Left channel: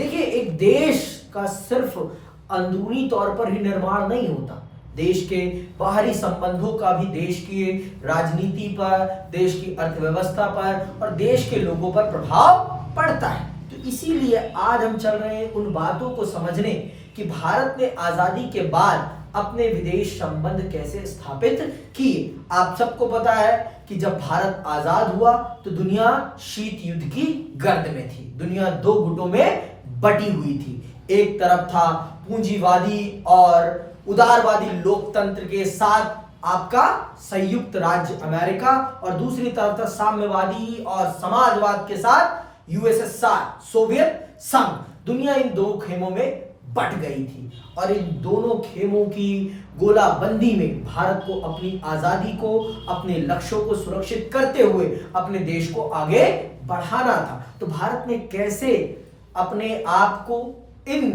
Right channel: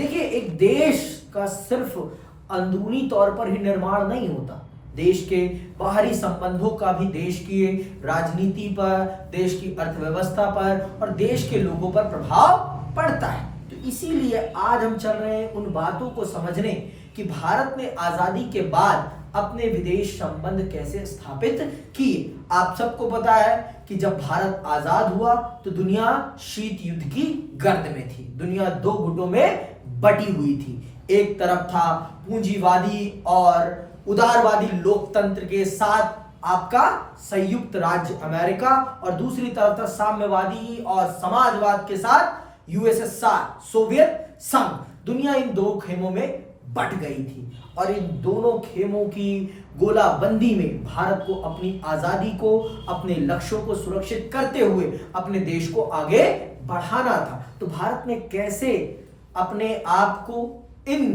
देखिए, एक देश का सिर्फ अंदरूनी तौर पर ही निर्माण नहीं होता, देश के बाहरी संबंधों का भी देश की राजनीति पर, देश की अर्थव्यवस्था पर और देश के लोगों पर प्रभाव पड़ता है। तो इसीलिए आज हम चल रहे हैं उन बातों को समझने कि भारत ने आजादी के बाद अपने विदेश संबंध कैसे स्थापित किए। आप सबको पता है कि जब भारत आजाद हुआ तो दुनिया शीत युद्ध की गर्द में थी, दुनिया दो गुटों में बटी हुई थी। एक तरफ था पूंजीवादी और उदारवादी लोकतंत्र के साथ आपका संयुक्त राज्य अमेरिका, और दूसरी तरफ था साम्यवादी और समाजवाद के साथ यूएसएसआर, सोवियत संघ। दुनिया इन दो खेमों में बट गई थी और इन दोनों खेमों की गोलाबंदी में भारत को अपनी आजादी को, अपने लक्ष्यों को सुरक्षित करते हुए अपने देश को आगे बढ़ाना था। तो भारत ने कैसे अपने आप को इन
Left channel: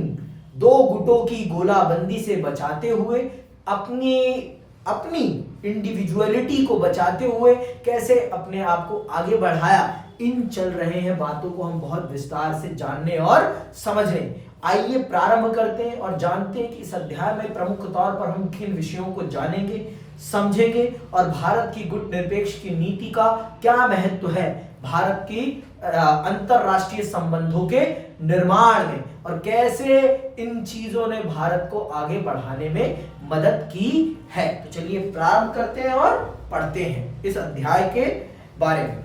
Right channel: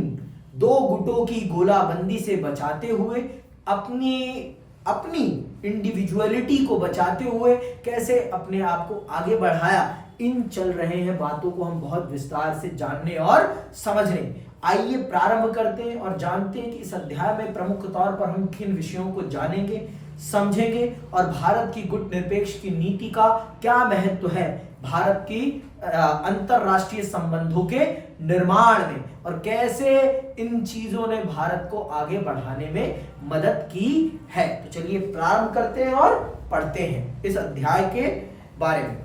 दो गुटों की गोलाबंदी से बचाते हुए, अपनी इंडिविजुअलिटी को बचाते हुए कैसे अपने आप को आगे बढ़ाया, इन चल रहे हैं बातों को हम बहुत विस्तार से जानने और समझने। आइए प्रारंभ करते हैं और जानते हैं कि इस अध्याय में प्रमुख तौर पर हम किन विषयों को जानेंगे, समझेंगे और भारत की गुटनिरपेक्ष की नीति का क्या महत्व है भारत की अंतरराष्ट्रीय संबंधों के निर्माण में, और कैसे इन चीजों ने भारत को आगे बढ़ाने में मदद की है। तो चलिए प्रारंभ करते हैं और पढ़ते हैं इस अध्याय के बारे में।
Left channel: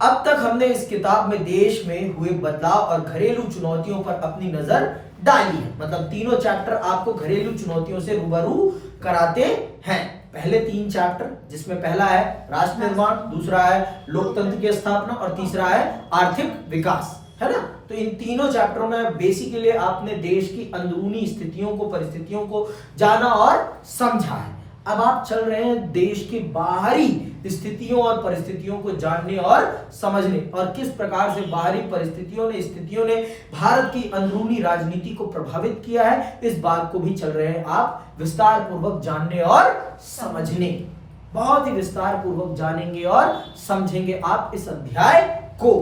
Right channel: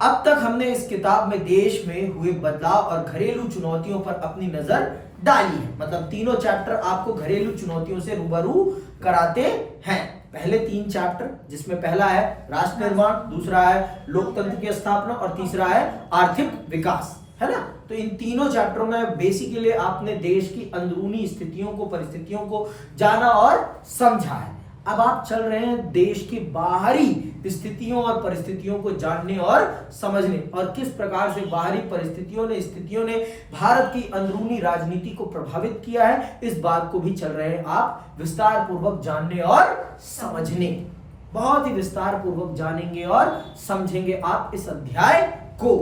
अब तक हमने इस किताब में देश में हुए बदलाव और घरेलू चुनौतियों पर अपनी नजर डाली है। मतलब तीनों चैप्टर आपको घरेलू चुनौतियों से रूबरू कराते हैं। पहले तीन चैप्टर, जिसमें पहला है राष्ट्र निर्माण, दूसरा है लोकतंत्र की स्थापना और तीसरा है आर्थिक विकास, है ना। तो इन तीनों चैप्टरों में बेसिकली आपने देश की अंदरूनी स्थितियों को, परिस्थितियों को जाना और समझा है। अब आप चल रहे हैं देश की बाहरी स्थितियों और परिस्थितियों को जानने और समझने, और किस प्रकार से बाहरी परिस्थितियों ने, स्थितियों ने भारत की अंदरूनी राजनीति को प्रभावित किया है, इस बात को भी चल रहे हैं आप विस्तार पूर्वक जानने और समझने। बहुत ही विस्तार पूर्वक जानेंगे और समझेंगे आप इस अध्याय को।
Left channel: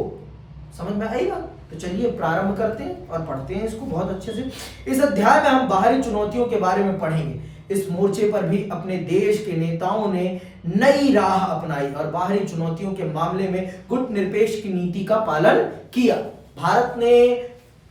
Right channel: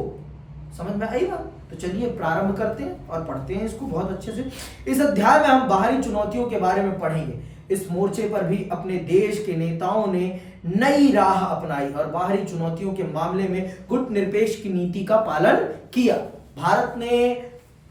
समझ में आई बात? तो चलिए प्रारंभ करते हैं और पढ़ते हैं इसको बहुत अच्छे से। इस अध्याय में हम बाहरी चुनौतियों के बारे में पढ़ेंगे। इस मोर्चे पर भी अपने देश के नेताओं ने नई राह अपनाई और बाहरी चुनौतियों के मामले में गुटनिरपेक्ष की नीति का पालन किया। भारत ने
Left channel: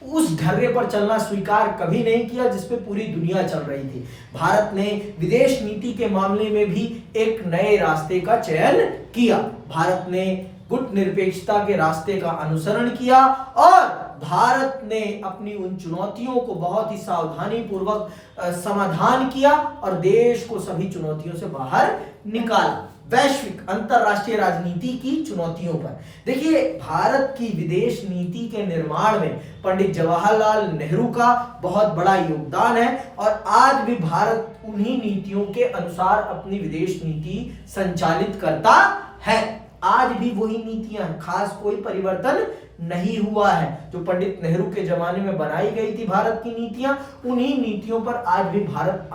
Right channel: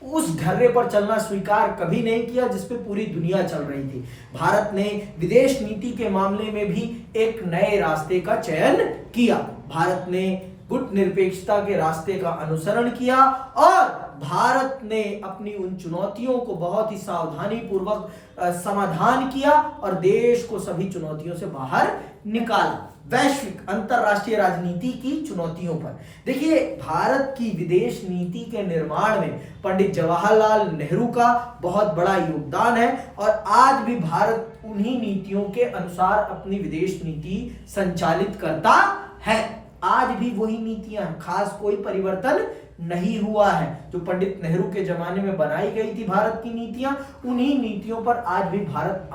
उस ढर्रे पर चलना स्वीकार कभी नहीं किया जिस पे पूरी दुनिया चल रही थी। भारत ने विदेश नीति के मामले में भी एक नए रास्ते का चयन किया। भारत ने गुटनिरपेक्षता के रास्ते का अनुसरण किया और भारत ने अपनी उन चुनौतियों को बहुत ही सावधानी पूर्वक समाधान किया और देश को सभी चुनौतियों से बाहर निकाला। वैश्विक अंतरराष्ट्रीय राजनीति की चुनौतियों पर देखिए, भारत की विदेश नीति के निर्माण में पंडित जवाहरलाल नेहरू का बहुत बड़ा योगदान है और आज भी भारत उन्हीं नीतियों के अनुसार अपनी विदेश नीति संचालित करता है। आज भी वही नीतियां, खास कोई परिवर्तन नहीं हुआ है। जो पंडित नेहरू के जमाने में बनाई गई थी भारत की नीतियां, उन्हीं नीतियों पर आज भी भारत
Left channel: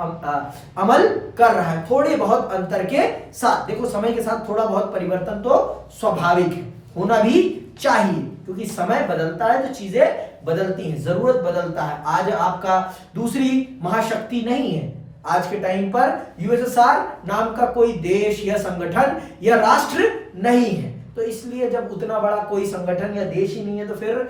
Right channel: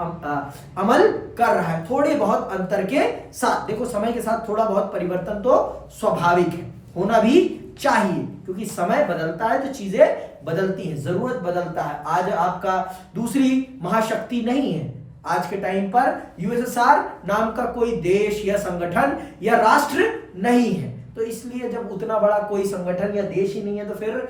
अमल कर रहा है, थोड़े बहुत अंतर के साथ। देखो, समय के साथ थोड़ा बहुत परिवर्तन तो स्वाभाविक है, होना भी चाहिए, क्योंकि समय बदलता है तो चीजें बदलती हैं, जरूरत बदलता है। आज आपका दूसरी महाशक्ति नहीं है। आज के टाइम पर यूएसएसआर नाम का कोई देश या संगठन या राष्ट्र नहीं है, तो इसलिए जब उतना बड़ा कोई संगठन या देश ही नहीं है तो फिर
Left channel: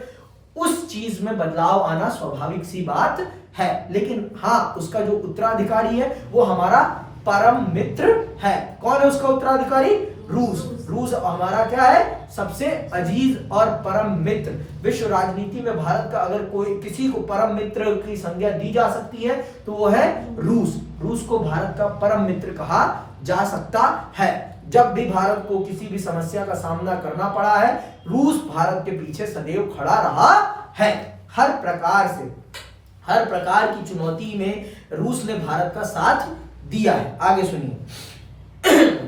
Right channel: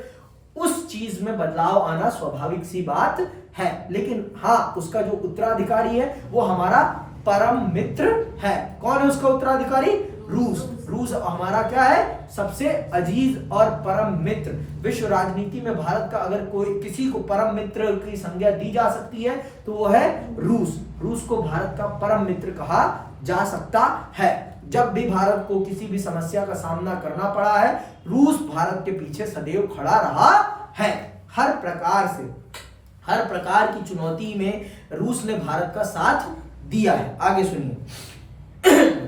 उस चीज में बदलाव आना स्वाभाविक सी बात है। लेकिन हाँ, उसका जो उत्तराधिकारी है वो हमारा परम मित्र है। कौन है उसका उत्तराधिकारी? रूस। रूस हमारा क्या है? सबसे अजीज और परम मित्र। विश्व राजनीति में भारत का अगर कोई किसी को परम मित्र की संज्ञा दी जा सकती है तो वो है रूस। रूस को भारत का परम मित्र कहा जा सकता है। जब भी भारत को किसी भी समस्या का सामना करना पड़ा है, रूस भारत के पीछे सदैव खड़ा रहा है। हर प्रकार की चुनौती में रूस ने भारत का साथ दिया है। आगे सुनिए।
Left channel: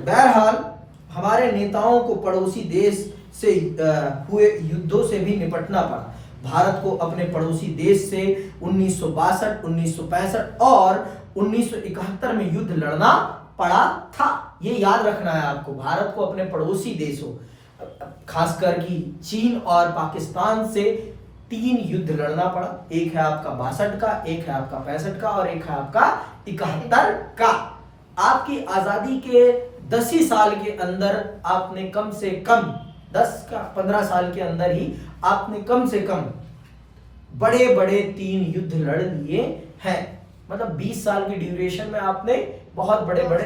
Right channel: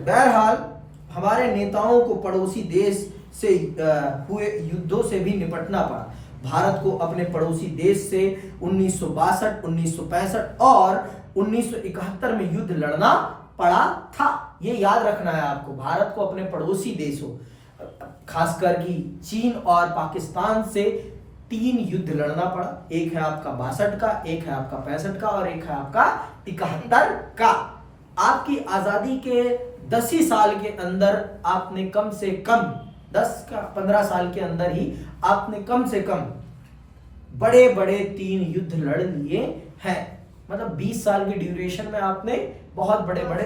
बहरहाल हमारे नेताओं को पड़ोसी देश से हुए युद्धों से भी निपटना पड़ा। भारत को अपने पड़ोसी देश से 1962, 1965 और 1971 में युद्ध लड़ना पड़ा था। ये याद रखना है आपको। भारत को अपने पड़ोसी देशों, खासकर कि चीन और पाकिस्तान से 3 युद्ध लड़ना पड़ा। एक है आपका 62 का, एक है आपका 65 का और एक है आपका 71 का। आपकी आजादी के 10 ही साल के अंदर आपने कम से कम 10 का 15 साल के अंदर ही आपने कम से कम बड़े बड़े 3 युद्ध लड़ लिए हैं। मतलब 20 साल की ड्यूरेशन में आपने बहुत बड़े बड़े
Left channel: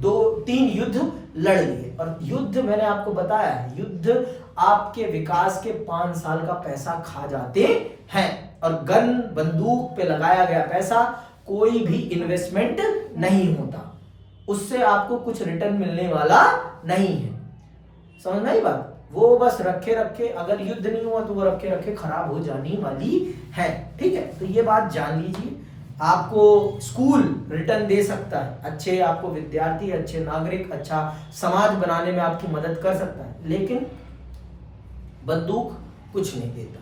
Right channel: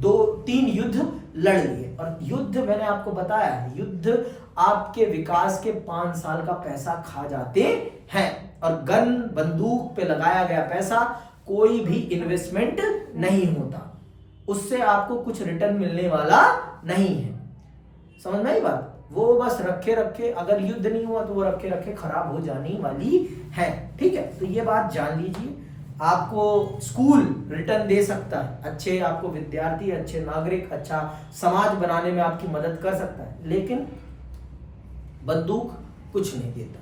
2-3 युद्ध लड़ लिए। और युद्ध मैंने आपको बताया है, युद्ध आपके विकास के 5 साल का पैसा खा जाते हैं। और गन बंदूक पे लगाया गया पैसा कोई भी इन्वेस्टमेंट नहीं होता, उससे आपको कुछ रिटर्न मिलने वाला नहीं है। समझ में आई बात? वो बस रखे रखे, अगर युद्ध नहीं हुआ तो वो रखे रखे खराब हो जाने वाली है। ठीक है, तो ये बात जान लीजिए। आपको स्कूल रिटर्न दे सकता है, अच्छे आपको विद्यार्थी, अच्छे नागरिक, अच्छा समाज बनाने में आपकी मदद कर सकता है, लेकिन बंदूक कुछ नहीं देता।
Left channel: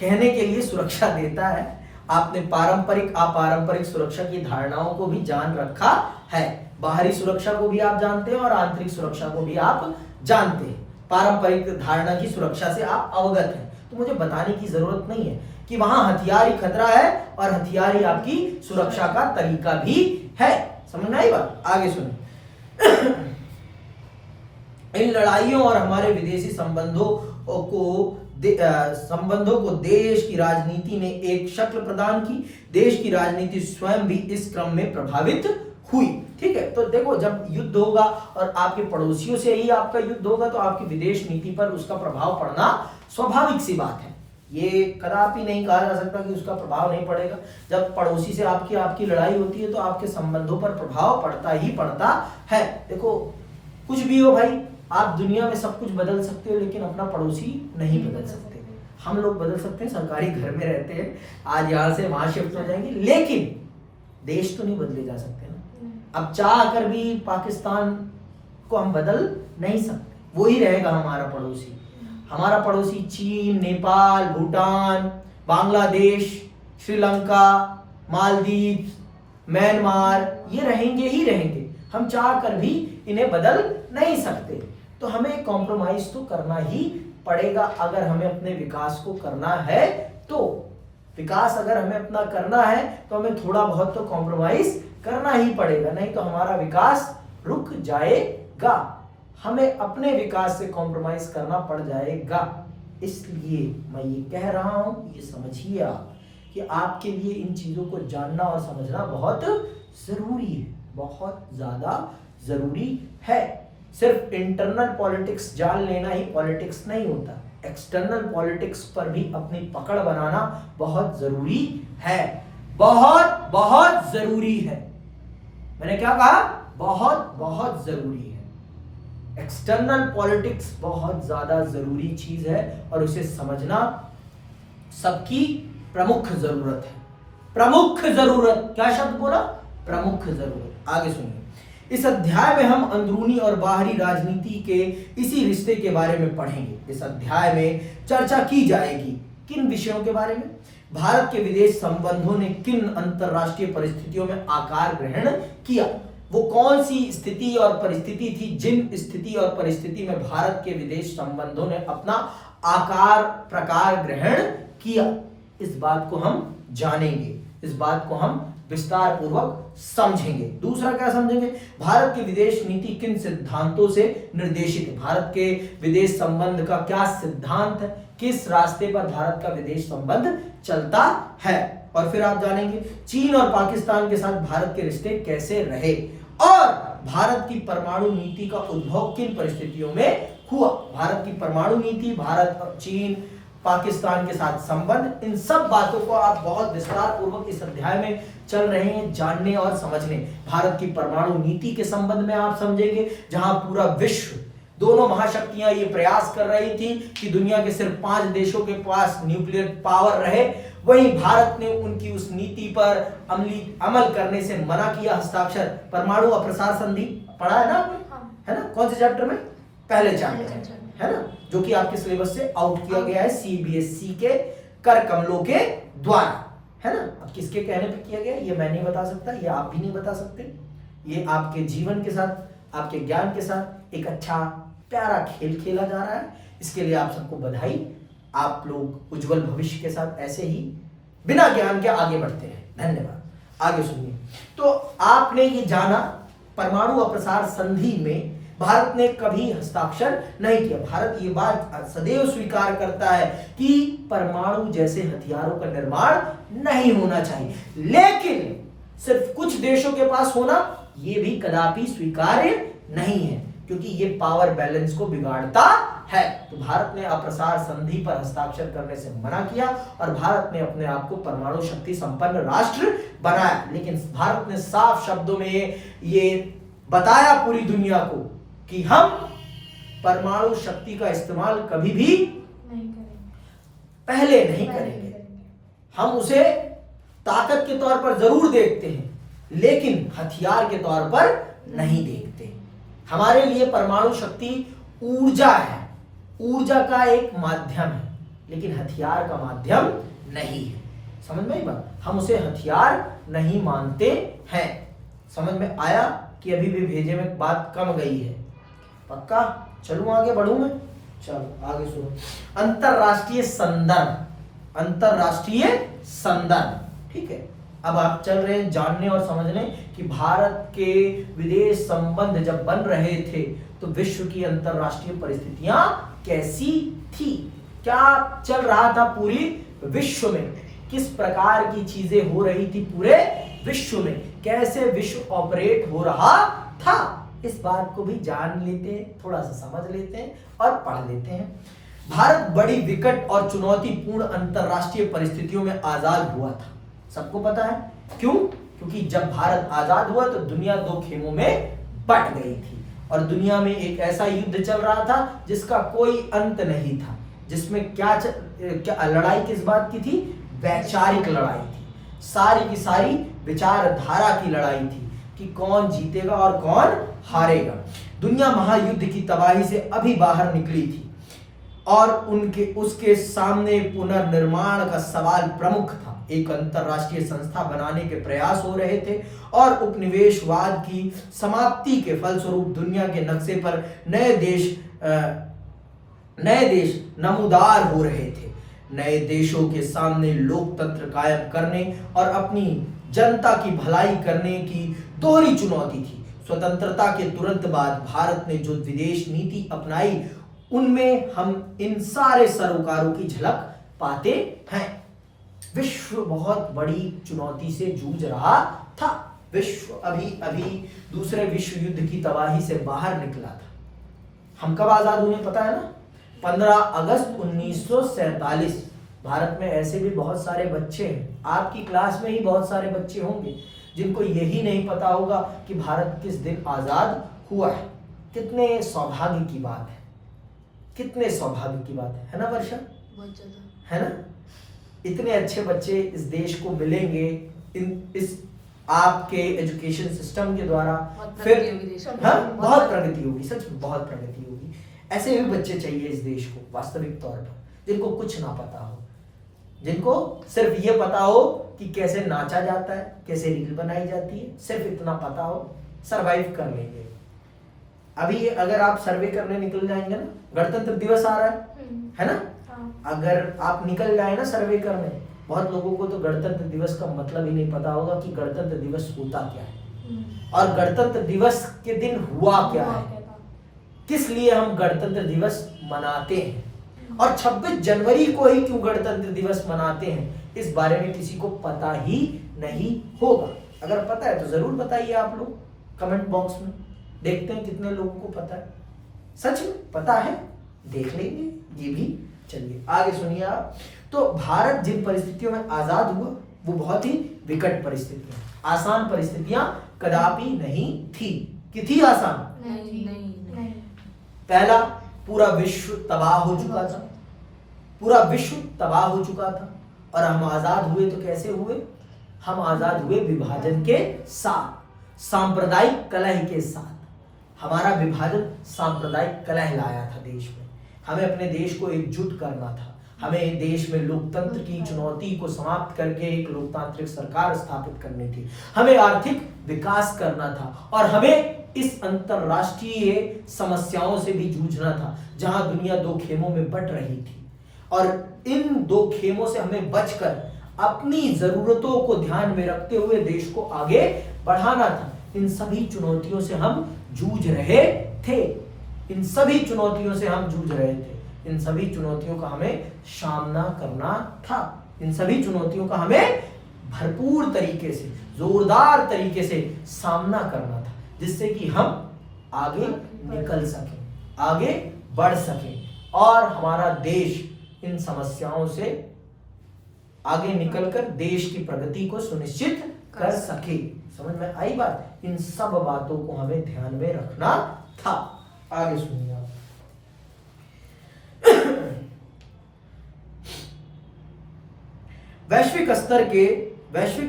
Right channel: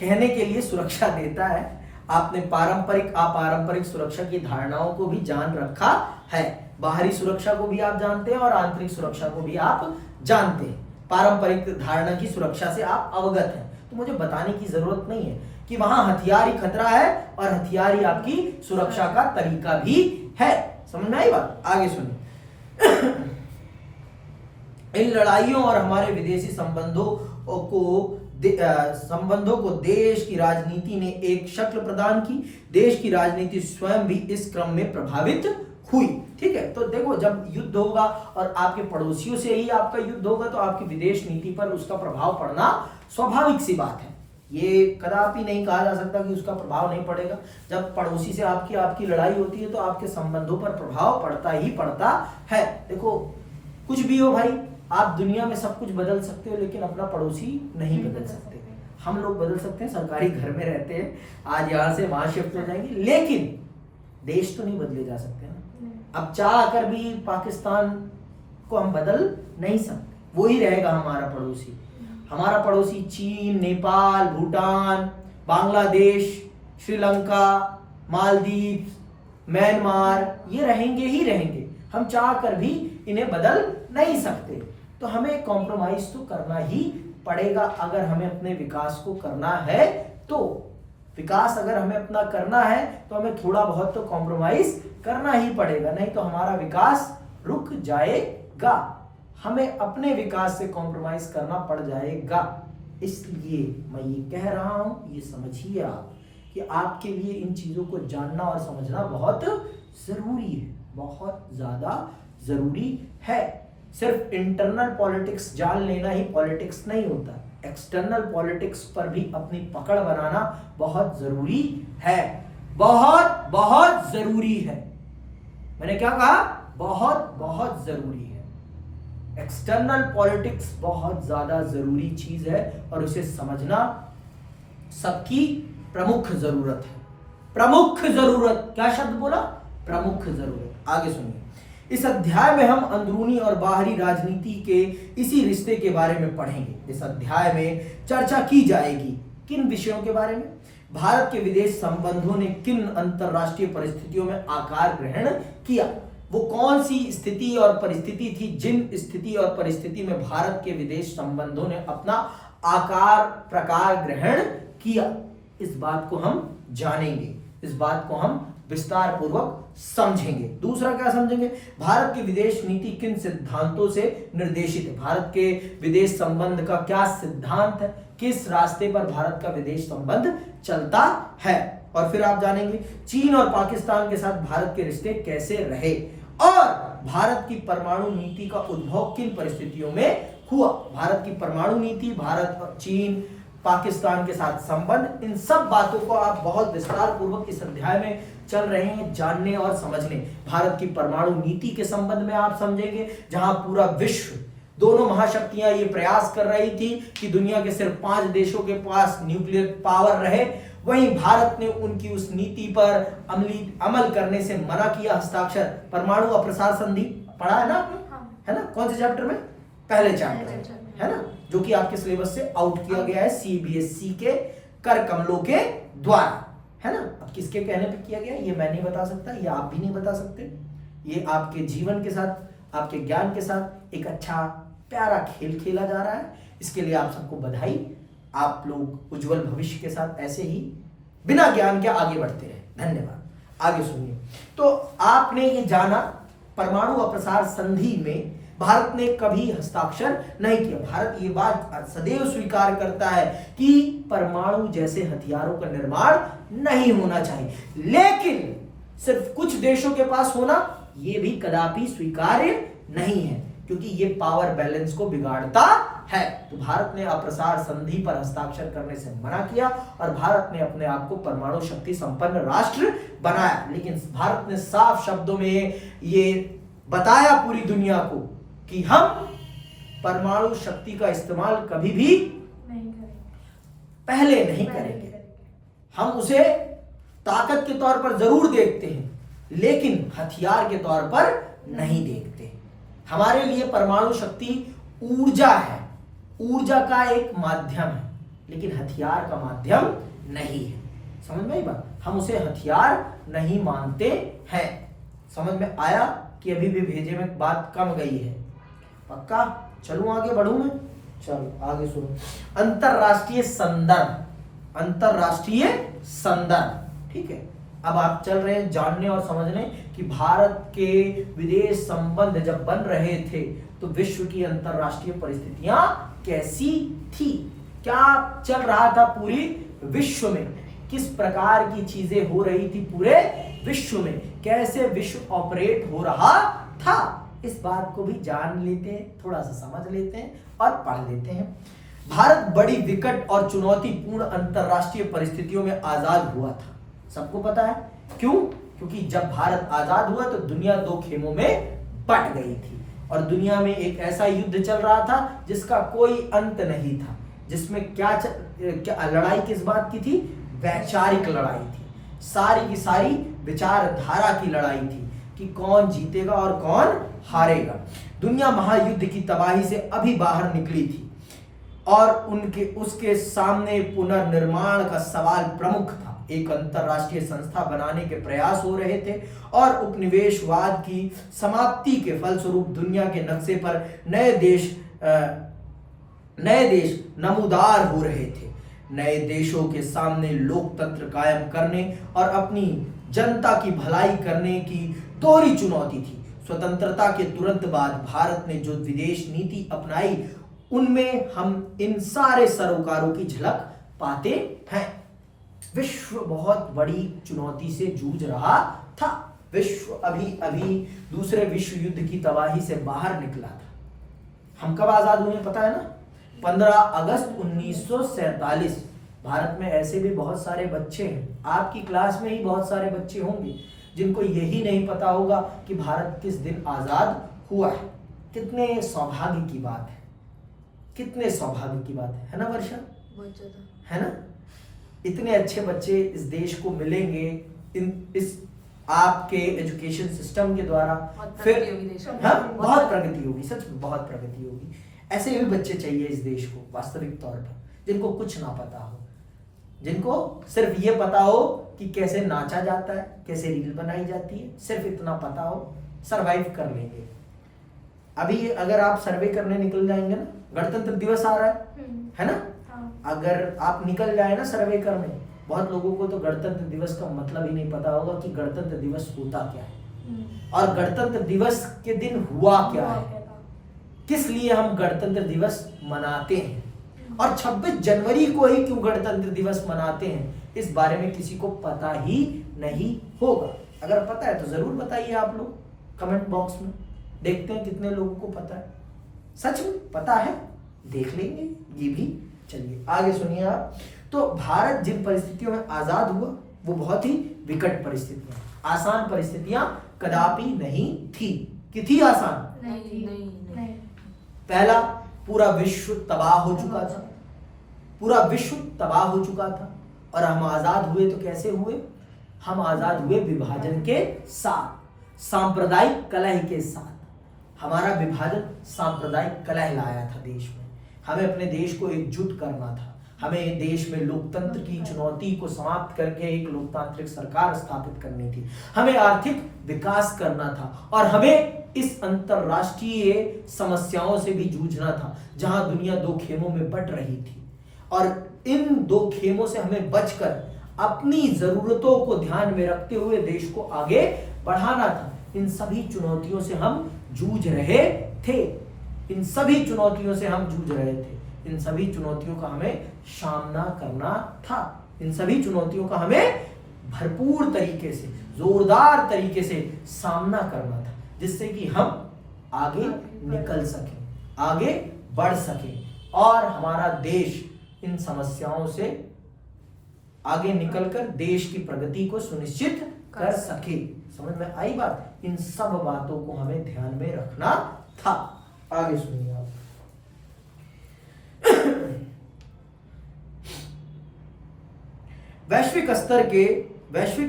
कहने के लिए सुरक्षा देता है। आपने पारंपरिक अपारंपरिक सुरक्षा की धारणाओं को भी जान रखा है। बाहरी सुरक्षा को भी आप जानते हैं और आंतरिक सुरक्षा को भी आप जानते हैं। पारंपरिक धारणा की सुरक्षा से आप अवगत हैं, तो मुझे बताने की जरूरत नहीं है कि वहां हथियार ही खतरा है और हथियार ही आपकी सुरक्षा का तरीका भी है। समझ में आई बात? आगे सुनिए। इन लड़ाइयों और हमारे विदेशी संबंधों को देश की राजनीति ने एक शक्ल प्रदान की। देश की राजनीति स्वयं भी इस क्रम में प्रभावित हुई। ठीक है, तो देखो, जब युद्ध होगा और आपके पड़ोसियों से ही आपका युद्ध होगा तो आपकी विदेश नीति पर उसका प्रभाव पड़ना स्वाभाविक सी बात है। ये कदापि नहीं कहा जा सकता कि उसका प्रभाव नहीं पड़ेगा। जब पड़ोसी से आपकी लड़ाई होती है तो आपके संबंधों पर प्रभाव पड़ता ही पड़ता है। देखो, कुछ भी हो भाई, आप दुनिया में सब कुछ बदल सकते हो लेकिन अपना पड़ोसी नहीं बदल सकते। हम लोग बदल सकते हैं, सरकारी घर में रहते हैं, आज यहाँ से वहां शिफ्ट हो जाएंगे, लेकिन देश तो नहीं बदले जा सकते ना। अब चाह कर भी पाकिस्तान को हम बदल नहीं सकते, वो ही रहेगा हमारा पड़ोसी। हमारा पड़ोसी चीन, नेपाल, भूटान, बांग्लादेश, श्रीलंका, मालदीव, म्यांमार, ये रहेंगे ही रहेंगे। हम चाह कर भी इन्हें बदल नहीं सकते। तो हमें कॉम्प्रोमाइज तो करना ही पड़ेगा अगर हमें अपने विकास को करना है। तो विकास अगर हमें अपना करना है तो हमें थोड़ा बहुत तो कॉम्प्रोमाइज करना ही पड़ेगा, नहीं तो हमारा विकास रुक जाएगा। हमें अपने विकास से कॉम्प्रोमाइज करना पड़ जाएगा। इसलिए मैं ये कह रहा हूं, ये समझिए आप कि आपके लिए इन चीजों को जानना और समझना बहुत जरूरी है, बहुत ज्यादा जरूरी है। सिर्फ इंटरनल पॉलिटिक्स जान लेना ही पॉलिटिक्स नहीं होता, एक्सटर्नल पॉलिटिक्स पर भी अपनी पकड़ बनाना बहुत जरूरी है। बहुत बहुत जरूरी है। मैंने क्या कहा? बहुत बहुत जरूरी है। एक्सटर्नल पॉलिटिक्स बहुत ज्यादा जरूरी चीज है और उसे समझना सबकी प्रमुख जरूरत है। प्रमुख जरूरत, क्या शब्द बोला? प्रमुख जरूरत। आगे सुनिए। इस अध्याय में हम अंदरूनी और बाहरी राजनीति के इसी रिश्ते के बारे में पढ़ेंगे। इस अध्याय में चर्चा की जाएगी किन विषयों के बारे में? भारत के विदेश संबंधों ने किन अंतरराष्ट्रीय परिस्थितियों में आकार ग्रहण किया? वो कौन सी स्थिति और परिस्थिति थी जिन स्थिति और परिस्थिति में भारत के विदेश संबंधों ने अपना आकार प्रकार ग्रहण किया? इस बात को हम जानेंगे, इस बात को हम विस्तार पूर्वक समझेंगे। दूसरा क्या समझेंगे? भारत की विदेश नीति किन सिद्धांतों से निर्देशित है? भारत के विदेश संबंध का क्या सिद्धांत है? किस रास्ते पर भारत का विदेश संबंध चलता है? और फिर आप जानेंगे चीन और पाकिस्तान के साथ भारत के रिश्ते कैसे रहे और भारत की परमाणु नीति का उद्भव किन परिस्थितियों में हुआ। भारत की परमाणु नीति, भारत, चीन, पाकिस्तान के साथ संबंध, इन सब बातों को आप बहुत विस्तार पूर्वक इस अध्याय में चल रहे हैं जानने और समझने। भारत की परमाणु नीति के संबंध में आप समझेंगे, जहां पूरा विश्व, दोनों महाशक्तियां ये प्रयास कर रही थी कि दुनिया के सिर्फ 5 देशों के पास न्यूक्लियर पावर रहे, वहीं भारत ने उनकी उस नीति पर अमल करने से मना किया। हस्ताक्षर, परमाणु अप्रसार संधि पढ़ा है ना आपने? है ना? कौन से चैप्टर में? पहले चैप्टर, है ना, जो कि आपके सिलेबस से आउट किया गया है सीबीएसई के कर कमलों के द्वारा, है ना। अब किसके कहने पे किया गया ये मैं नहीं बता सकता, ये आप भी नहीं बता सकते। ये आपके जीवन के साथ, आपके ज्ञान के साथ एक अच्छा प्यारा खेल खेला जा रहा है। इसके लिए आप सबको बधाई आप लोग उज्जवल भविष्य के साथ ऐसे ही बिना ज्ञान के आगे बढ़ते रहे। धन्यवाद। आगे सुनिए। तो आपने ये जाना परमाणु अप्रसार संधि में भारत ने कभी हस्ताक्षर नहीं किया। भारत ये बात सदैव स्वीकार करता है कि परमाणु जैसे हथियारों का निर्माण नहीं होना चाहिए, लेकिन सिर्फ कुछ देशों के पास होना ये भी कदापि स्वीकार्य नहीं है, क्योंकि ये पावर बैलेंस को बिगाड़ता है। तो भारत ने अप्रसार संधि पर हस्ताक्षर करने से मना किया और भारत ने अपने आप को परमाणु शक्ति संपन्न राष्ट्र बनाया। लेकिन भारत ने साफ शब्दों में ये बताया पूरी दुनिया को कि हम परमाणु शक्ति का इस्तेमाल कभी भी पहले नहीं करेंगे। हम उसे ताकत के तौर पर जरूर देखते हैं, लेकिन हथियार के तौर पर नहीं देखते। हमारे लिए परमाणु शक्ति ऊर्जा है, ऊर्जा का एक माध्यम है, लेकिन हथियार का माध्यम नहीं है। समझ में आई बात? हम उसे हथियार नहीं मानते हैं। समझ में आया कि अभी भी भेजे में बात कम गई है? पक्का? चलूं आगे बढ़ूं मैं? चलो आगे सुनो। अंतरराष्ट्रीय संदर्भ, अंतरराष्ट्रीय संदर्भ, ठीक है। अब आप चल रहे हैं जानने और समझने कि भारत के विदेश संबंध जब बन रहे थे तो विश्व की अंतरराष्ट्रीय परिस्थितियां कैसी थी, क्या चल रहा था पूरी विश्व में, किस प्रकार की चीजें हो रही थी पूरे विश्व में, कैसे विश्व ऑपरेट हो रहा था, इस बात को भी जान लेते हैं, थोड़ा सा समझ लेते हैं और पढ़ लेते हैं। भारत बड़ी विकट और चुनौतीपूर्ण अंतरराष्ट्रीय परिस्थितियों में आजाद हुआ था। सबको पता है क्यों? क्योंकि जब भारत आजाद हुआ तो दुनिया दो खेमों में बट गई थी और दुनिया में एक ऐसा युद्ध चल रहा था जिसका कोई अंत नहीं था, जिसमें क्या लड़ाई किस बात की थी? वैचारिक लड़ाई थी, सारी की सारी विचारधारा की लड़ाई थी कि कौन जीतेगा और कौन हारेगा। दुनिया महायुद्ध की तबाही से अभी बाहर निकली थी और उसके सामने पुनर्निर्माण का सवाल प्रमुख था। एक अंतरराष्ट्रीय संस्था बनाने के प्रयास हो रहे थे और उपनिवेशवाद की समाप्ति के फलस्वरूप दुनिया के नक्शे पर नए देश नमूदार हो रहे थे। नए देशों के सामने लोकतंत्र कायम करने और अपनी जनता की भलाई करने की दोहरी चुनौती थी। स्वतंत्रता के तुरंत बाद भारत ने जो विदेश नीति अपनाई उनमें हम इन सारे सरोकारों की झलक पाते हैं। विश्व बहुत बड़ी चुनौती से जूझ रहा था। विश्व अभी दूसरे विश्व युद्ध की तबाही से बाहर निकला था। हम कब आजाद हुए पता है ना? 15 अगस्त 1947। भारत में ऐसे भी बहुत सारे बच्चे हैं, आपकी क्लास में ही बहुत सारे बच्चे होंगे जिनको यही नहीं पता होगा कि भारत किस दिन आजाद हुआ है। कितने सौभाग्य की बात है, कितने सौभाग्य की बात है ना वर्षा? बहुत ज्यादा है ना? इतने अच्छे बच्चे इस देश को मिलेंगे इस आपके एजुकेशन सिस्टम के द्वारा। फिर हाँ, बहुत प्रगति होगी, सच में बहुत प्रगति होगी। ऐसे भी बच्चे चाहिए इस देश को वास्तविक तौर पर, जिनको कुछ ना पता हो, जिनको सिर्फ ये पता हो कि कैसे नाचा जाता है, कैसे रील बनाई जाती है, सिर्फ इतना पता हो, सरवाइव कर लेंगे। अभी अगर आप सर्वे करने निकल जाएंगे ना, गणतंत्र दिवस आ रहा है ना? अगर आप निकल जाए ना सर्वे करने, बहुत लोगों को तो गणतंत्र दिवस का मतलब ही नहीं पता होगा कि गणतंत्र दिवस होता क्या है और गणतंत्र दिवस के दिन हुआ क्या है, किस लिए हम गणतंत्र दिवस मनाते हैं और 26 जनवरी को ही क्यों गणतंत्र दिवस मनाते हैं, इस बारे में किसी को पता ही नहीं होगा। अगर पता है तो जरूर बताइए आप लोग कमेंट बॉक्स में, देखते हैं कितने लोगों को पता है। सच में पता है, देख लेंगे ये भी। चलिए आगे सुनिए आप। तो भारत जिन परिस्थितियों में आजाद हुआ वो बहुत ही विकट परिस्थितियां, आसान परिस्थितियां कदापि नहीं थी। कि थी आसान? नहीं। पहला, पूरा विश्व तबाह हो चुका था, पूरा विश्व तबाह हो चुका था और हम आजाद हुए तो कैसे हुए? हम आजाद हुए विभाजन के साथ, सांप्रदायिक कलह के साथ। हमारा विभाजन सांप्रदायिक कलह लाया था देश में। हमें अपने देश को एकजुट करना था, हमें देश में लोकतंत्र की चुनौती को समाप्त करके एक लोकतांत्रिक सरकार स्थापित करनी थी, हमें आर्थिक विकास करना था और हमें इस अंतरराष्ट्रीय समस्याओं से भी जूझना था जहां दुनिया दो खेमों में बट रही थी। और इन दो खेमों से हमें बचकर अपनी जरूरतों को ध्यान में रखते हुए देश को आगे बढ़ाना था। इन सभी चुनौतियों से हम जूझ रहे थे। इन सभी चुनौतियों से हम जूझ रहे थे। इन सभी चुनौतियों का हमें सामना करना था। इन सभी चुनौतियों का हमें भरपूर तरीके से, जोरदार तरीके से सामना करना था, जिससे कि हम आगे निकल सकें, आगे बढ़ सकें और हमारा देश इन समस्याओं से आगे निकलकर देश की प्रगति को सुनिश्चित कर सके। समझ में आई बात? इन सब बातों को हमें ध्यान में रखना था। आगे सुनिए आप। वैश्विक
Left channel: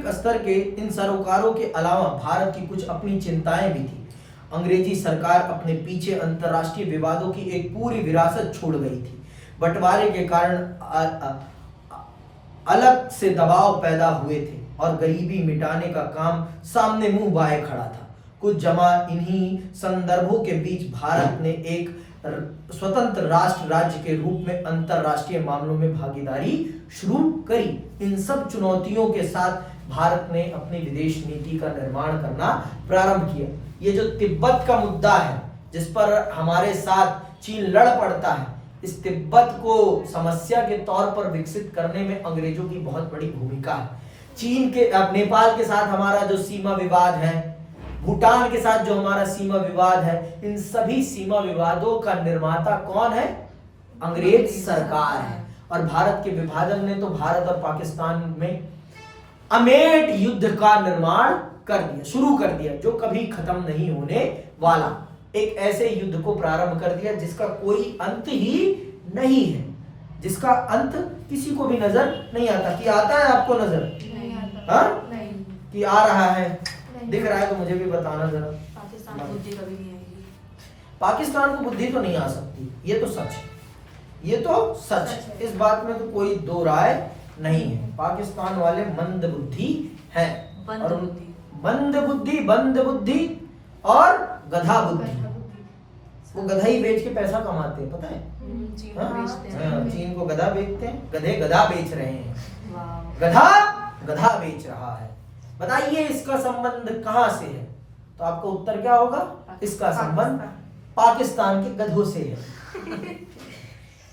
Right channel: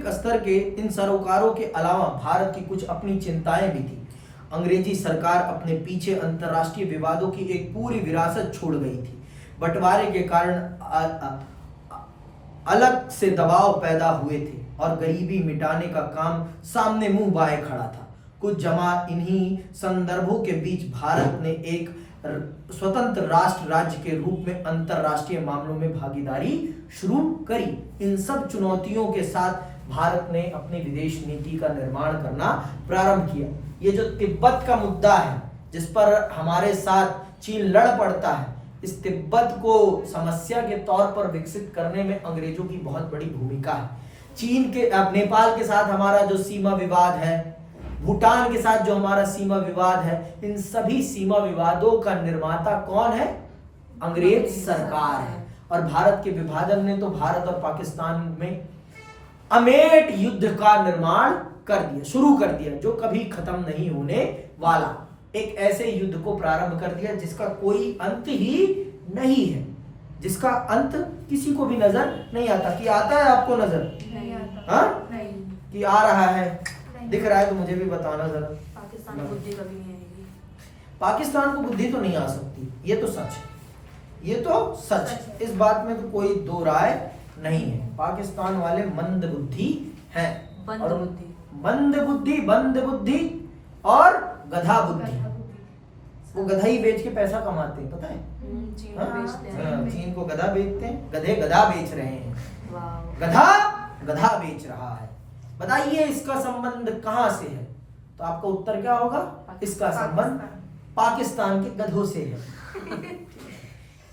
स्तर के इन सरोकारों के अलावा भारत की कुछ अपनी चिंताएं भी थी। अंग्रेजी सरकार अपने पीछे अंतर्राष्ट्रीय विवादों की एक पूरी विरासत छोड़ गई थी। बंटवारे के कारण अलग से दबाव पैदा हुए थे और गरीबी मिटाने का काम सामने मुंह बाए खड़ा था। कुछ जमा इन्हीं संदर्भों के बीच भारत ने एक स्वतंत्र राष्ट्र राज्य के रूप में अंतरराष्ट्रीय मामलों में भागीदारी शुरू करी। इन सब चुनौतियों के साथ भारत ने अपनी विदेश नीति का निर्माण करना प्रारंभ किया। ये जो तिब्बत का मुद्दा है, जिस पर हमारे साथ चीन लड़ पड़ता है, इस तिब्बत को समस्या के तौर पर विकसित करने में अंग्रेजों की बहुत बड़ी भूमिका है। चीन के नेपाल के साथ हमारा जो सीमा विवाद है, भूटान के साथ जो हमारा सीमा विवाद है, इन सभी सीमा विवादों का निर्माता कौन है? अंग्रेज सरकार है। और भारत के विभाजन ने तो भारत और पाकिस्तान में अमेट युद्ध का निर्माण कर दिया, शुरू कर दिया, जो कभी खत्म नहीं होने वाला। एक ऐसे युद्ध को प्रारंभ कर दिया जिसका कोई अंत ही नहीं है, जिसका अंत किसी को भी नजर नहीं आता। कि आता है आपको नजर? नहीं आता। हाँ? नहीं। कि आ रहा है, दिख रहा है तो मुझे भी बताना जरा। पाकिस्तान को बुद्धि कभी नहीं आएगी। पाकिस्तान को बुद्धि तो नहीं आ सकती, ये तो सच है, ये तो सच है, इस बात में तो कोई दो राय नहीं है। पाकिस्तान वाले मंद बुद्धि हैं, और मंद बुद्धि और गधा बुद्धि। वो गधा ही बेच के पैसा कमाते हैं, पता है? चीन को बेचते हैं। चीन को गधा बेचते हैं, गधे गधा बेच रहे हैं, वाह। गधा बेच रहा है। बताइए इसका संबंध कहां से है? तो आपका उत्तर क्या होगा? इसका संबंध पाकिस्तान के गधों से है।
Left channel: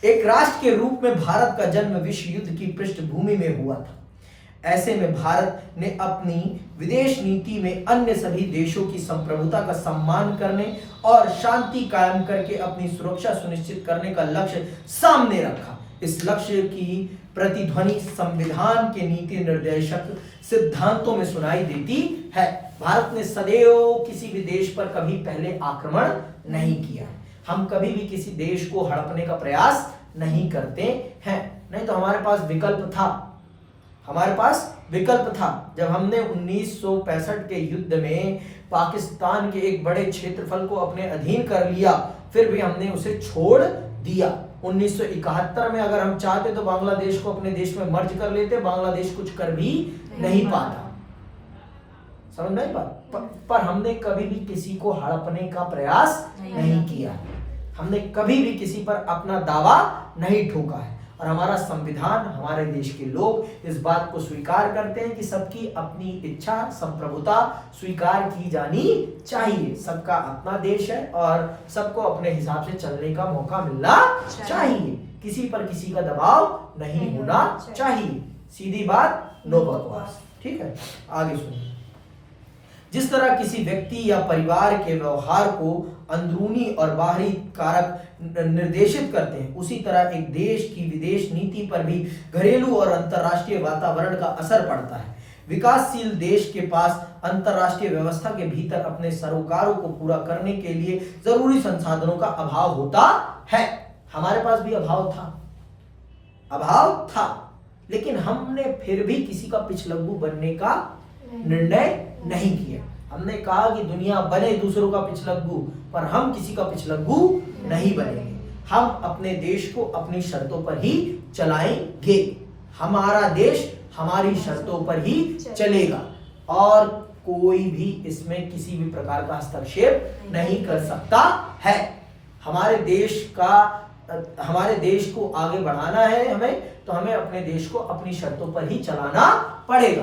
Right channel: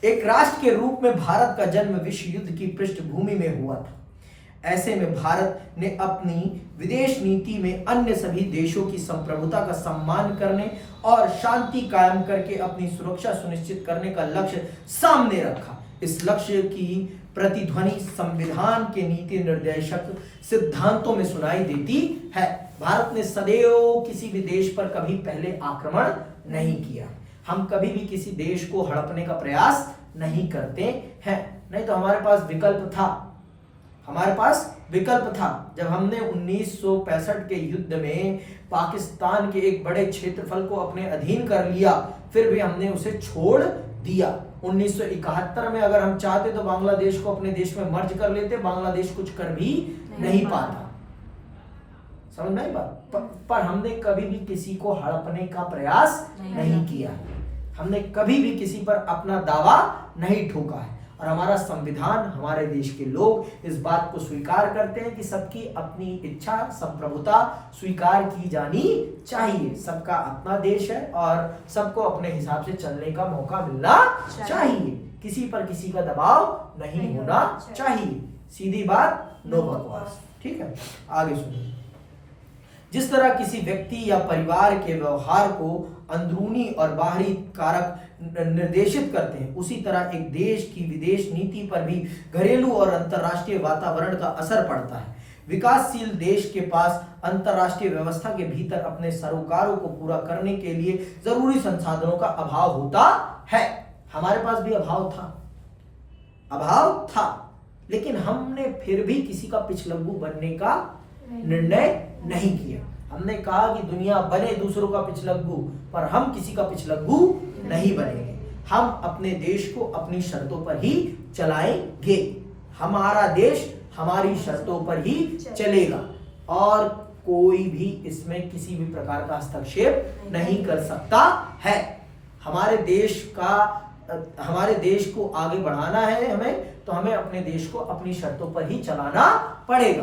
एक राष्ट्र के रूप में भारत का जन्म विश्व युद्ध की पृष्ठभूमि में हुआ था। ऐसे में भारत ने अपनी विदेश नीति में अन्य सभी देशों की संप्रभुता का सम्मान करने और शांति कायम करके अपनी सुरक्षा सुनिश्चित करने का लक्ष्य सामने रखा। इस लक्ष्य की प्रतिध्वनि संविधान के नीति निर्देशक सिद्धांतों में सुनाई देती है। भारत ने सदैव किसी भी देश पर कभी पहले आक्रमण नहीं किया। हम कभी भी किसी देश को हड़पने का प्रयास नहीं करते हैं। नहीं तो हमारे पास विकल्प था, हमारे पास विकल्प था। जब हमने 1965 के युद्ध में पाकिस्तान के एक बड़े क्षेत्रफल को अपने अधीन कर लिया, फिर भी हमने उसे छोड़ दिया। 1971 में अगर हम चाहते तो बांग्लादेश को अपने देश में मर्ज कर लेते, बांग्लादेश कुछ कर भी नहीं पाता। समझ में आई बात? पर हमने कभी भी किसी को हड़पने का प्रयास नहीं किया। हमने कभी भी किसी पर अपना दावा नहीं ठोका है। और हमारा संविधान, हमारे देश के लोग इस बात को स्वीकार करते हैं कि सबकी अपनी इच्छा, संप्रभुता स्वीकार की जानी चाहिए। सबका अपना देश है और सबको अपने हिसाब से चलने का मौका मिलना चाहिए। किसी पर किसी का दबाव नहीं होना चाहिए। सीधी बात, नो बकवास। ठीक है, आगे सुनिए। जिस तरह किसी व्यक्ति या परिवार के व्यवहार को अंदरूनी और बाहरी कारक निर्देशित करते हैं, उसी तरह एक देश की विदेश नीति पर भी घरेलू और अंतर्राष्ट्रीय वातावरण का असर पड़ता है। विकासशील देश के पास अंतर्राष्ट्रीय व्यवस्था के भीतर अपने सरोकारों को पूरा करने के लिए जरूरी संसाधनों का अभाव होता है। हमारे पास भी अभाव था, लेकिन हमने फिर भी किसी का पिछलग्गू बनने का निर्णय नहीं किया। हमने कहा कि दुनिया बने दूसरों का पिछलग्गू, पर हम किसी का पिछलग्गू नहीं बनेंगे। हम अपने देश को अपनी शर्तों पर ही चलाएंगे। हमारा देश हमारी शर्तों पर ही चलेगा और कोई भी इसमें किसी भी प्रकार का हस्तक्षेप नहीं कर सकता है। हमारे देश का हमारे देश को आगे बढ़ाना है हमें, तो हमें अपने देश को अपनी शर्तों पर ही चलाना पड़ेगा।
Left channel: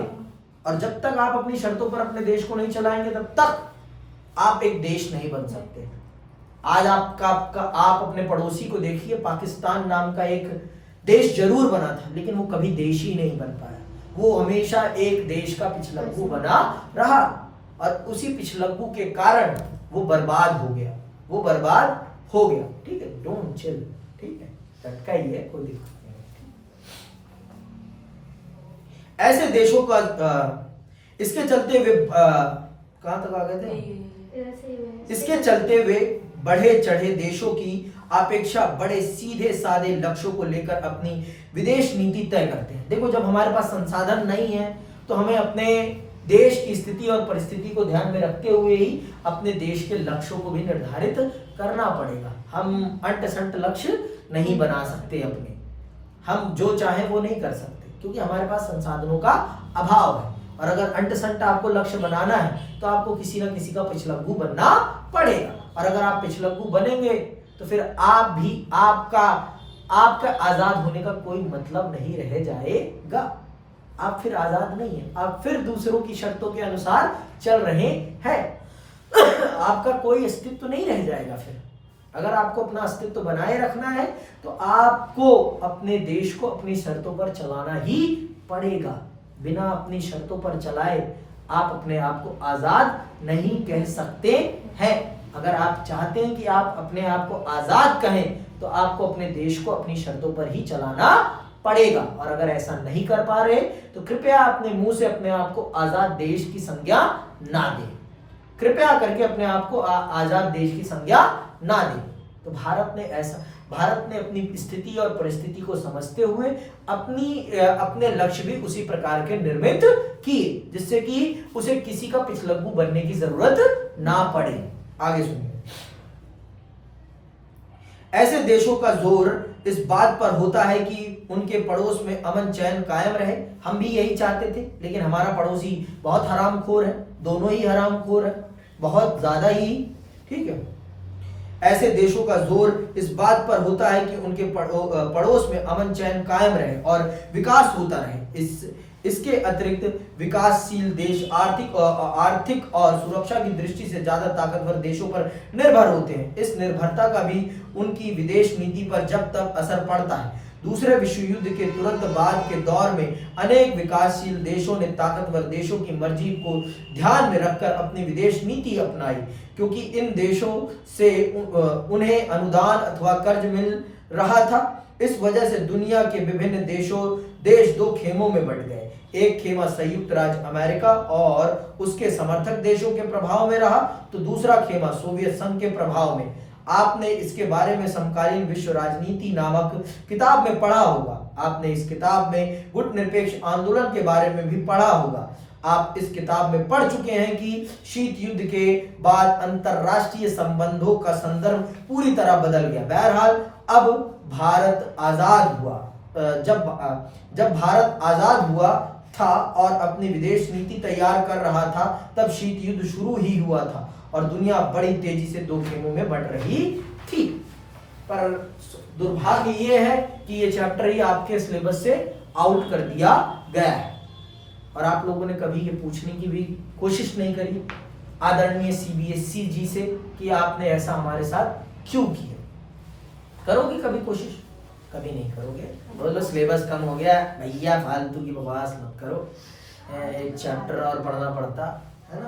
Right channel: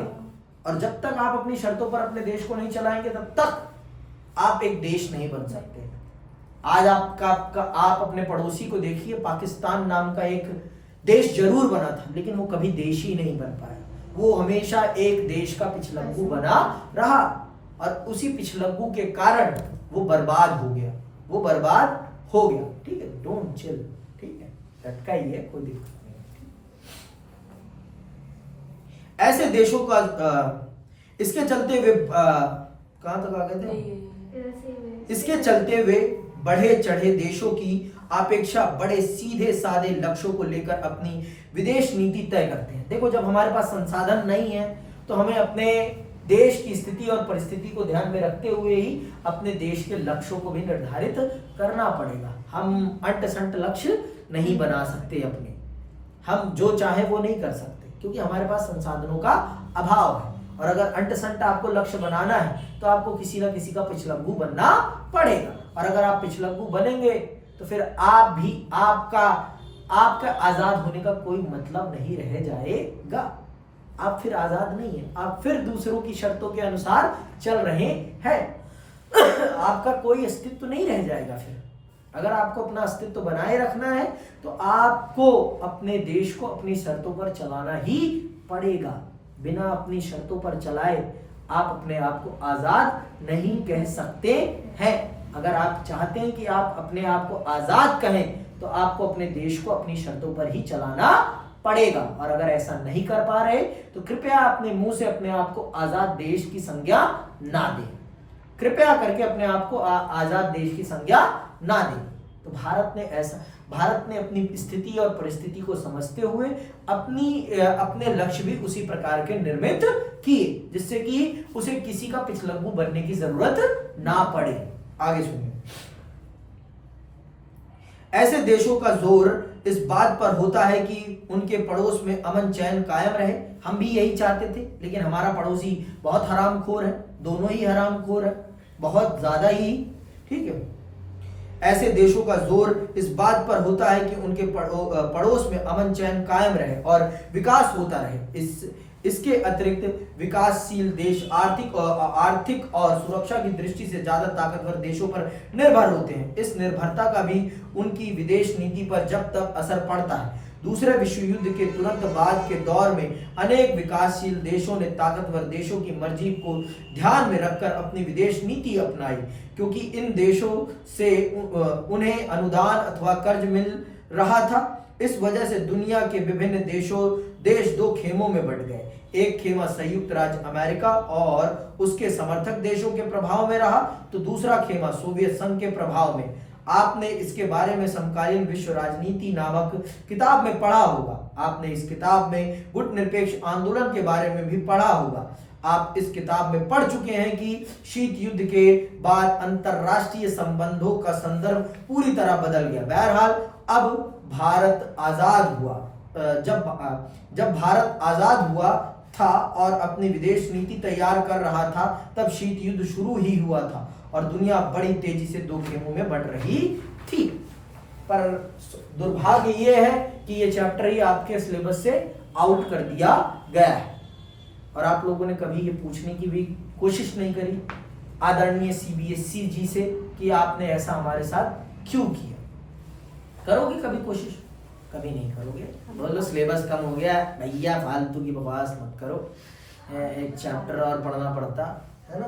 और जब तक आप अपनी शर्तों पर अपने देश को नहीं चलाएंगे तब तक आप एक देश नहीं बन सकते। आज आप अपने पड़ोसी को देखिए, पाकिस्तान नाम का एक देश जरूर बना था, लेकिन वो कभी देश ही नहीं बन पाया। वो हमेशा एक देश का पिछलग्गू बना रहा, और उसी पिछलग्गू के कारण वो बर्बाद हो गया, वो बर्बाद हो गया। ठीक है, डोंट चिल, ठीक है, झटका ही है, कोई दिक्कत नहीं है। ऐसे देशों का इसके चलते हुए कहां तक आ गए थे? इसके चलते हुए बढ़े चढ़े देशों की अपेक्षा बड़े सीधे साधे लक्ष्यों को लेकर अपनी विदेश नीति तय करते हैं। देखो, जब हमारे पास संसाधन नहीं है तो हमें अपने देश की स्थिति और परिस्थिति को ध्यान में रखते हुए ही अपने देश के लक्ष्यों को भी निर्धारित करना पड़ेगा। हम अंट संट लक्ष्य नहीं बना सकते अपने, हम जो चाहे वो नहीं कर सकते, क्योंकि हमारे पास संसाधनों का अभाव है। और अगर अंट संट आपको लक्ष्य बनाना है तो आपको किसी ना किसी का पिछलग्गू बनना पड़ेगा। और अगर आप पिछलग्गू बनेंगे तो फिर आपका आजाद होने का कोई मतलब नहीं रह जाएगा। आप फिर आजाद नहीं है, आप फिर दूसरों की शर्तों के अनुसार चल रहे हैं। आपका कोई अस्तित्व नहीं रह जाएगा। फिर अगर आपको अपना अस्तित्व बनाए रखना है तो आपको अपने देश को अपनी शर्तों पर चलाना ही पड़ेगा। बिना अपनी शर्तों पर चलाए आप अपने आप को आजाद नहीं कह सकते हैं। अगर आप चाहते हैं कि आप अपने आप को आजाद कहें तो आपको अपने देश को अपनी शर्तों पर ही चलाना पड़ेगा। और अगर ऐसा नहीं कर पा रहे तो कृपया अपने मुंह से अपने आप को आजाद देश की संज्ञा ना दें। कृपया करके अपने आप को आजाद देश की संज्ञा ना दें। तो भारत ने अपनी स्थिति और परिस्थिति को समझते हुए अपने लक्ष्य भी उसी प्रकार के निर्मित किए, जिससे कि उसे किसी का पिछलग्गू बनने की जरूरत ना पड़े। आगे सुनिए। ऐसे देशों का जोर इस बात पर होता है कि उनके पड़ोस में अमन चैन कायम रहे। हम भी यही चाहते थे, लेकिन हमारा पड़ोसी बहुत हरामखोर है, दोनों ही हरामखोर है, बहुत ज्यादा ही। ठीक है, ऐसे देशों का जोर इस बात पर होता है कि उनके पड़ोस में अमन चैन कायम रहे और विकास होता रहे। इसके अतिरिक्त विकासशील देश आर्थिक और सुरक्षा की दृष्टि से ज्यादा ताकतवर देशों पर निर्भर होते हैं। इस निर्भरता का भी उनकी विदेश नीति पर जब तक असर पड़ता है। दूसरे विश्व युद्ध के तुरंत बाद के दौर में अनेक विकासशील देशों ने ताकतवर देशों की मर्जी को ध्यान में रखकर अपनी विदेश नीति अपनाई, क्योंकि इन देशों से उन्हें अनुदान अथवा कर्ज मिल रहा था। इस वजह से दुनिया के विभिन्न देश दो खेमों में बंट गए। एक खेमा संयुक्त राज्य अमेरिका और उसके समर्थक देशों के प्रभाव में रहा, तो दूसरा खेमा सोवियत संघ के प्रभाव में। आपने इसके बारे में समकालीन विश्व राजनीति नामक किताब में पढ़ा होगा। आपने इस किताब में गुट निरपेक्ष आंदोलन के बारे में भी पढ़ा होगा। आप इस किताब में पढ़ चुके हैं कि शीत युद्ध के बाद अंतरराष्ट्रीय संबंधों का संदर्भ पूरी तरह बदल गया। बहरहाल अब भारत आजाद हुआ, जब भारत आजाद हुआ था और अपनी विदेश नीति तैयार कर रहा था, तब शीत युद्ध शुरू ही हुआ था और दुनिया बड़ी तेजी से दो खेमों में बंट रही थी। पर दुर्भाग्य यह है कि यह चैप्टर ही आपके सिलेबस से आउट कर दिया गया है और आप लोगों ने कभी ये पूछने की भी कोशिश नहीं करी आदरणीय CBSE जी से कि आपने ऐसा हमारे साथ क्यों किया। करोगे कभी कोशिश? कभी नहीं करोगे। बोलो सिलेबस कम हो गया भैया, फालतू की बकवास मत करो, एक चैप्टर और पढ़ना पड़ता है ना।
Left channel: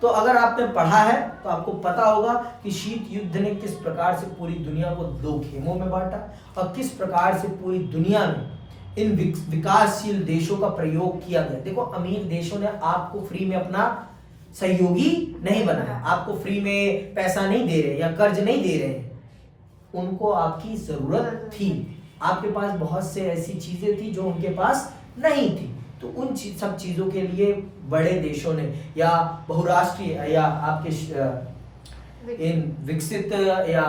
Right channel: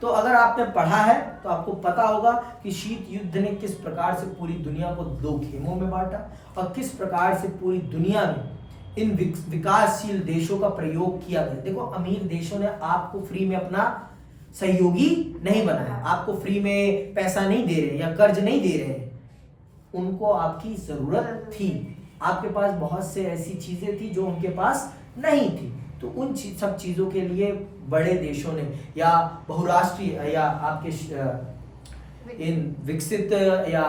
तो अगर आपने पढ़ा है तो आपको पता होगा कि शीत युद्ध ने किस प्रकार से पूरी दुनिया को दो खेमों में बांटा और किस प्रकार से पूरी दुनिया में इन विकासशील देशों का प्रयोग किया गया। देखो, अमीर देशों ने आपको फ्री में अपना सहयोगी नहीं बनाया, आपको फ्री में पैसा नहीं दे रहे या कर्ज नहीं दे रहे हैं। उनको आपकी जरूरत थी, आपके पास बहुत से ऐसी चीजें थी जो उनके पास नहीं थी। तो उन सब चीजों के लिए बड़े देशों ने या बहुराष्ट्रीय या आपके इन विकसित या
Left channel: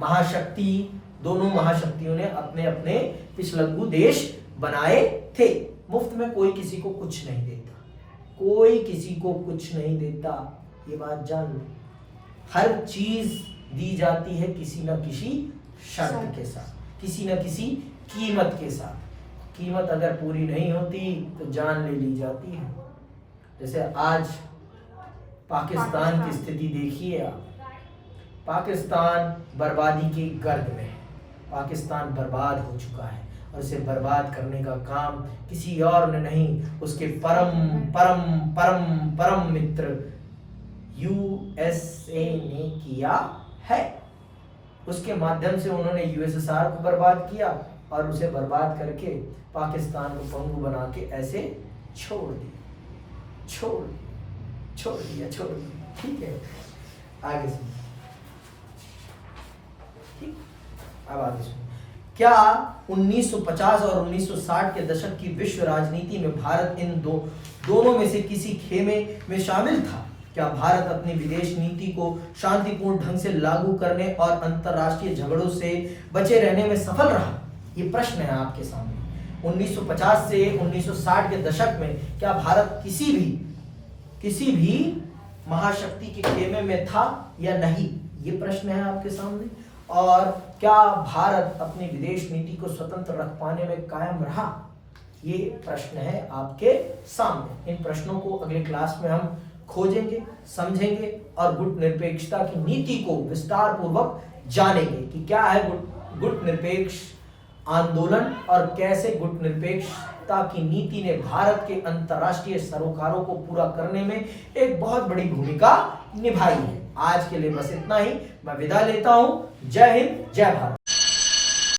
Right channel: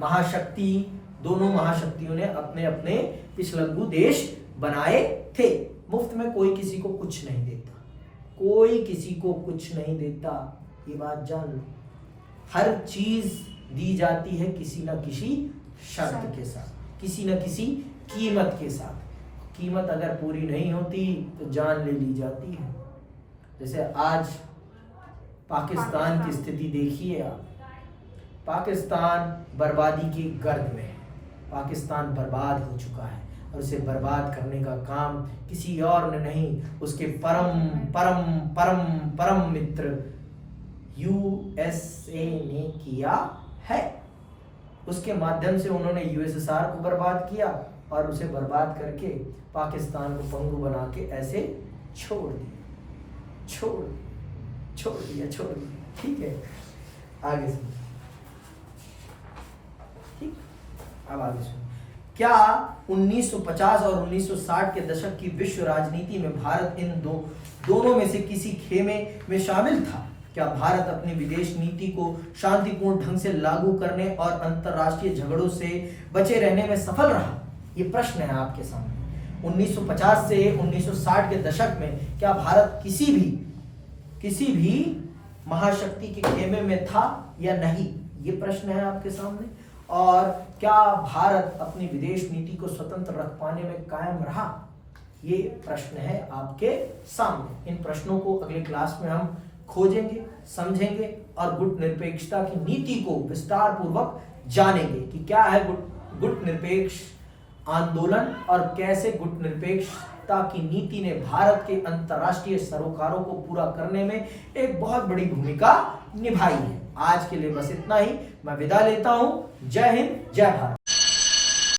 महाशक्ति, दोनों महाशक्तियों ने अपने अपने पिछलग्गू देश बनाए थे। मुफ्त में कोई किसी को कुछ नहीं देता, कोई किसी को कुछ नहीं देता, ये बात जान लो। हर चीज दी जाती है किसी ना किसी शर्त के साथ, किसी न किसी कीमत के साथ। कीमत अगर पूरी नहीं होती तो जान ले ली जाती है। जैसे आज पाकिस्तान की स्थिति देखिए आप, पाकिस्तान बर्बादी की गर्द में है। पाकिस्तान बर्बाद हो चुका है और उसे बर्बाद करने का काम किसी और ने नहीं, उसके परम परम परम परम मित्र यूएसए ने किया है। उसके माध्यम से उन्होंने यूएसएसआर को बर्बाद किया और उसे बर्बाद करके पाकिस्तान को पंगु बना के ऐसे छोड़ दिया। ठीक है, आगे सुनिए। ठीक, अब आगे सुनिए। क्या 1950 और 1960 के दशक की विश्व राजनीति में भारत इन दोनों में से किसी खेमे में शामिल था? क्या भारत अपनी विदेश नीति को शांतिपूर्ण ढंग से लागू करने और अंतर्राष्ट्रीय झगड़ों से बचे रहने में सफल रहा? ये प्रश्न है आपके सामने। 1950 से 1960 के दशक में क्या भारत किसी भी महाशक्ति के खेमे में था या नहीं? ये प्रश्न है आपके सामने। और क्या भारत अपनी विदेश नीति को स्वतंत्र रख पाने में कायम रहा? ये प्रश्न है आपके सामने। इन प्रश्नों को अगले क्लास में हम खोजेंगे, समझेंगे और गुट निरपेक्षता की नीति को विस्तार पूर्वक जानेंगे कि क्या है गुट निरपेक्ष आंदोलन और कैसे गुट निरपेक्षता की नीति ने भारत के अंतर्राष्ट्रीय सरोकारों को पूरा करने में एक बहुत बड़ी भूमिका निभाई है। आज के लिए बस इतना ही, मैं विदा लेता हूं। जय हिंद, जय भारत।